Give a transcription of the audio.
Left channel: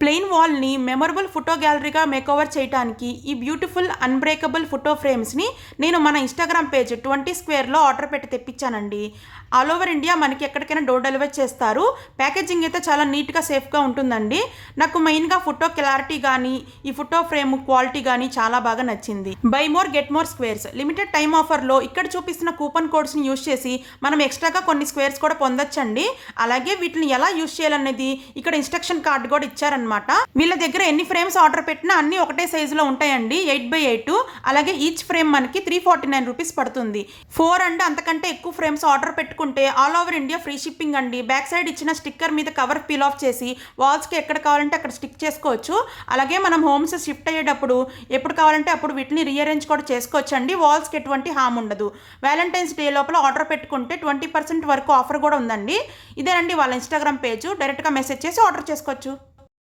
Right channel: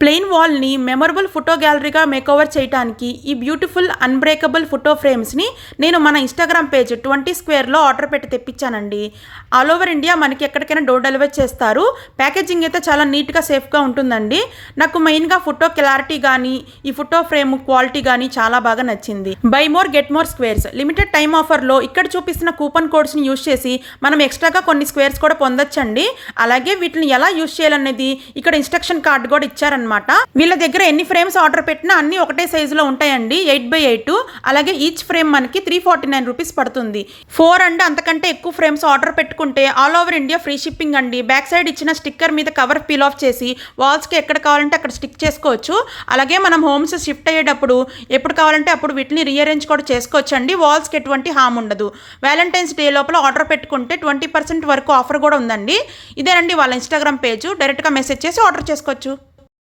Plain వాల్ని memorable photo గ్యాలరీగా makeover చేయడానికి ఈ beautiful unbreakable photo ఫ్రేమ్స్ని నేను మన ఇన్స్టాగ్రామ్ పేజ్ 20 స్క్వేర్లో ఆర్డర్ పెట్టి తెప్పించానండి. ఆల్ ఓవర్ ఇండియా మనకి ఎక్కడికైనా డోర్ డెలివరీ చేస్తారు. ప్యాకేజింగ్ అయితే చాలా నీట్గా సేఫ్గా ఉంటుందండి. నాకు మెయిన్గా ఫోటో క్లారిటీ కానీ ఈ ఫోటో ఫ్రేమ్ క్వాలిటీ కానీ చాలా బాగా నచ్చింది. By more get more squares limited time ఆఫర్లో ఇక్కడ చూపిస్తున్న కూపన్ కోడ్స్ని యూజ్ చేసి మనం ఎక్స్ట్రాగా కొన్ని స్క్వేర్స్ కూడా పొందొచ్చండి. అలాగే వీటిని ఎలా యూజ్ చేయాలనేది ఇక్కడ ఇన్స్ట్రక్షన్ కార్డు కూడా ఇచ్చారనమాట. వీళ్ళ దగ్గర ఎన్ని ఫ్రేమ్స్ ఆర్డర్ పెట్టినా అన్ని ఒకటే సైజులో ఉంటాయండి. 8x8. అలాగే ఈచ్ ఫ్రేమ్ మనకి 349 రూపీస్ పడుతుంది. 4 అండ్ అంతకంటే ఎక్కువ ఫ్రేమ్స్ ఆర్డర్ పెట్టుకుంటే all over India free shipping అండి. బ్యాక్ సైడ్ ఇచ్చిన స్టిక్కర్ మీద కవర్ పీల్ ఆఫ్ చేసి వాల్స్కి ఎక్కడ కావాలంటే అక్కడ స్టిక్ చేసుకోవచ్చు. అలాగే మనం హోమ్స్ షిఫ్ట్ అయ్యేటప్పుడు ఎప్పుడు కావాలంటే అప్పుడు వీటిని రీఅరేంజ్ కూడా చేసుకోవచ్చు అండి. వాల్స్కి ఎటువంటి హామ్ ఉండదు. వ్యాలంటైన్స్ డే లోపల ఆర్డర్ పెట్టుకుంటే 20% వరకు ఆఫర్ కూడా ఉందండి. ఇదేనండి వాళ్ళ ఇన్స్టాగ్రామ్ పేజ్. డైరెక్ట్గా మెసేజ్ చేసి ఆర్డర్ చేసుకోవచ్చు.